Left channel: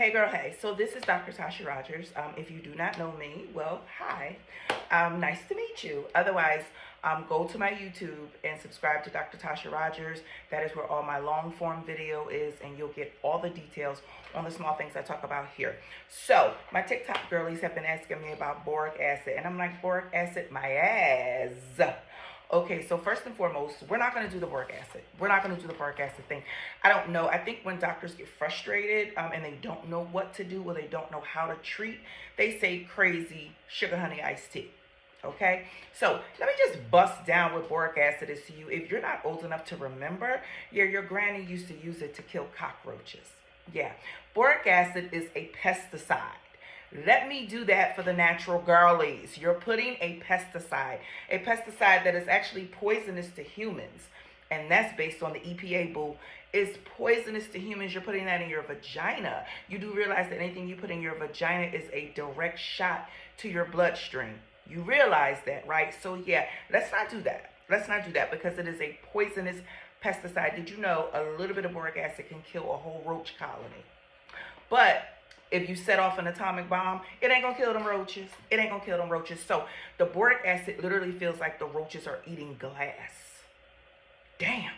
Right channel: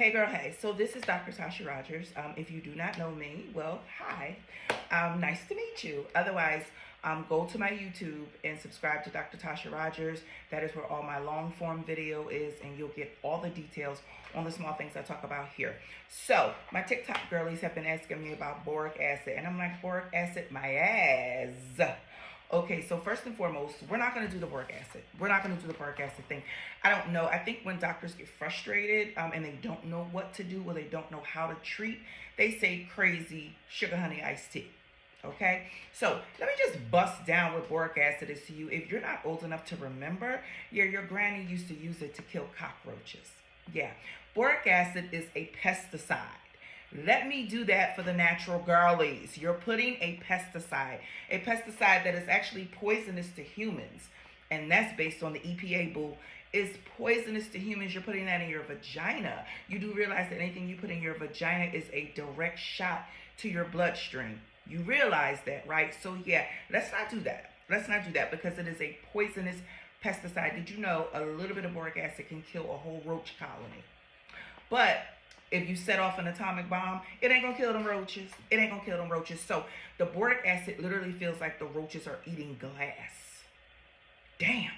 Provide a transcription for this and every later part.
Hey girl, hey. So this is Dr. Tasha Rogers. If you do not know me, well, hi. Nice to meet you. Otherwise, go to my YouTube and subscribe to Dr. Tasha Rogers. That is where all my long form video is, and you'll get all the details on the small things I talk about here. So my TikTok girlies have been asking me about boric acid, and I'm like, boric acid, my ass. Okay, so first and foremost, we're not going to do the boric acid. We're not going to do the boric acid thing. I don't know. I think when doctors get frustrated and they don't know what to do or they don't know how to treat, they say crazy sugar honey iced tea. Okay, so let me just bust down what boric acid is to you. If you're not old enough to remember, your granny used to use it to kill cockroaches. Yeah, boric acid is a pesticide. Let me do that for the natural girlies. You're putting a pesticide that is actually poisonous to humans. And that's based on the EPA, boo. It's poisonous to humans. You're putting that in your vagina. You do realize that anything you put in your vagina is a direct shot to your bloodstream. You realize that, right? So yeah, let's not do that. Let's not do that because it is a poisonous pesticide. Did you know a little bit of boric acid can kill a whole roach colony? But if you set off an atomic bomb, it ain't gonna kill them roaches. It ain't gonna kill them roaches. So the boric acid literally feels like the roaches are eating glass. Damn,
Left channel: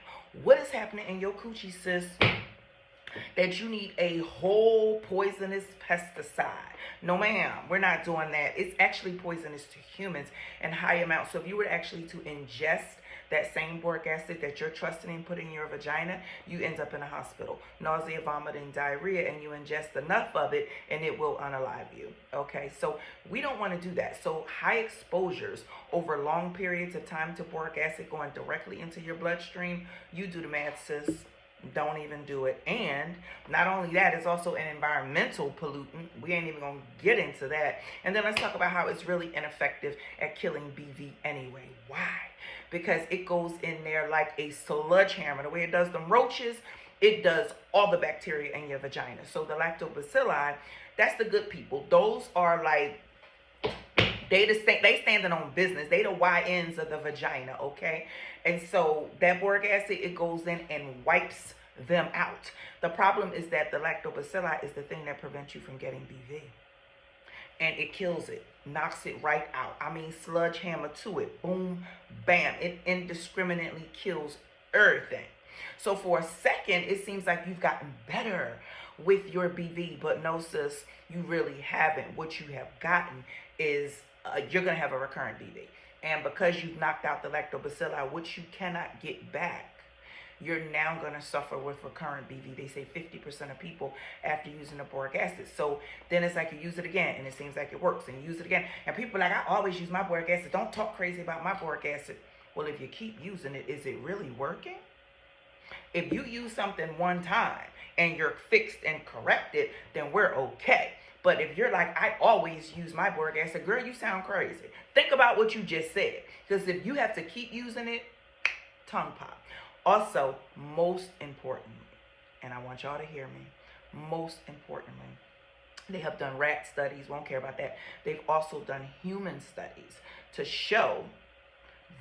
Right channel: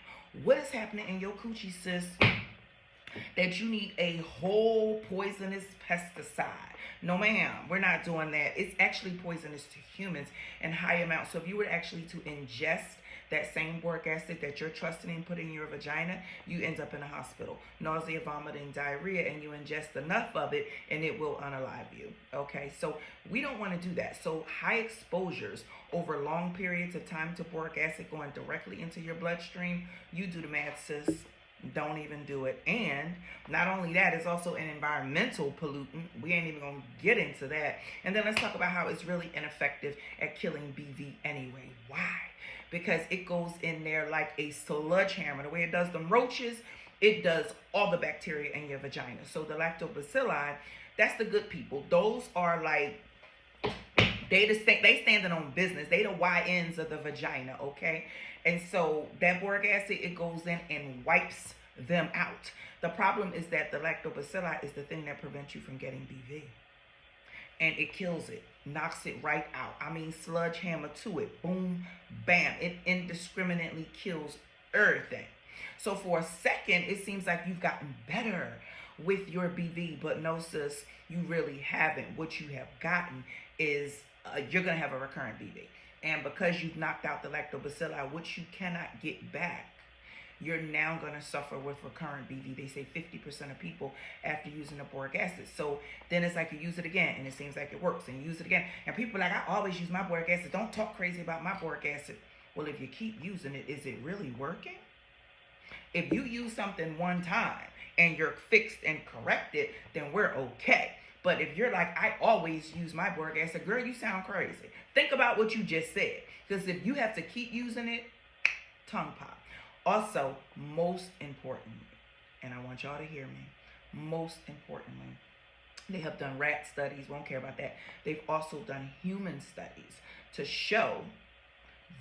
what is happening in your coochie, sis, that you need a whole poisonous pesticide? No, ma'am, we're not doing that. It's actually poisonous to humans in high amounts. So if you were actually to ingest that same boric acid that you're trusting in putting in your vagina, you end up in a hospital. Nausea, vomiting, diarrhea, and you ingest enough of it and it will unalive you. Okay, so we don't want to do that. So high exposures over long periods of time to boric acid going directly into your bloodstream, you do the math, sis. Don't even do it. And not only that, it's also an environmental pollutant. We ain't even gonna get into that. And then let's talk about how it's really ineffective at killing BV anyway. Why? Because it goes in there like a sledgehammer. The way it does them roaches, it does all the bacteria in your vagina. So the lactobacilli, that's the good people. Those are like, they standing on business. They the YNs of the vagina, okay? And so that boric acid, it goes in and wipes them out. The problem is that the lactobacilli is the thing that prevents you from getting BV. And it kills it, knocks it right out. I mean, sledgehammer to it. Boom, bam. It indiscriminately kills everything. So for a second, it seems like you've gotten better with your BV. But no, sis, you really haven't. What you have gotten is you're going to have a recurrent BV. And because you've knocked out the lactobacilli, which you cannot get back, you're now going to suffer with recurrent BV. They say 50% of people after using the boric acid. So then it's like you use it again, and it seems like it works, and you use it again. And people are like, I always use my boric acid. Don't talk crazy about my boric acid. Well, if you keep using it, is it really working? If you use something one time and you're fixed and corrected, then we're okay. But if you're like, I always use my boric acid, girl, you sound crazy. Think about what you just said. Because if you have to keep using it, tongue pop. Also, most importantly, and I want y'all to hear me, most importantly, they have done rat studies, won't care about that. They've also done human studies to show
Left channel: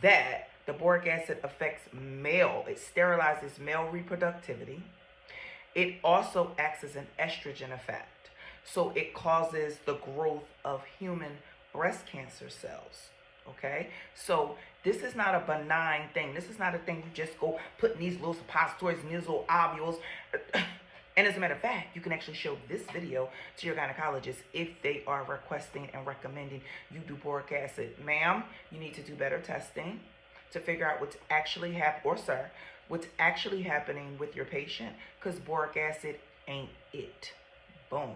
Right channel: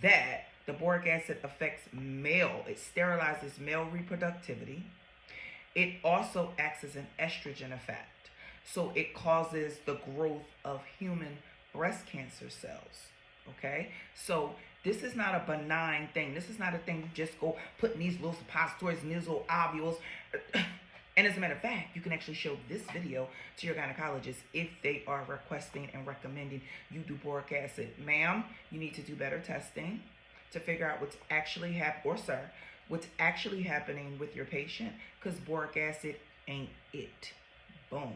that the boric acid affects it sterilizes male reproductivity. It also acts as an estrogen effect. So it causes the growth of human breast cancer cells, okay? So this is not a benign thing. This is not a thing you just go put in these little suppositories and these little ovules. And as a matter of fact, you can actually show this video to your gynecologist if they are requesting and recommending you do boric acid. Ma'am, you need to do better testing to figure out what's actually happening, or sir, what's actually happening with your patient, because boric acid ain't it. Boom.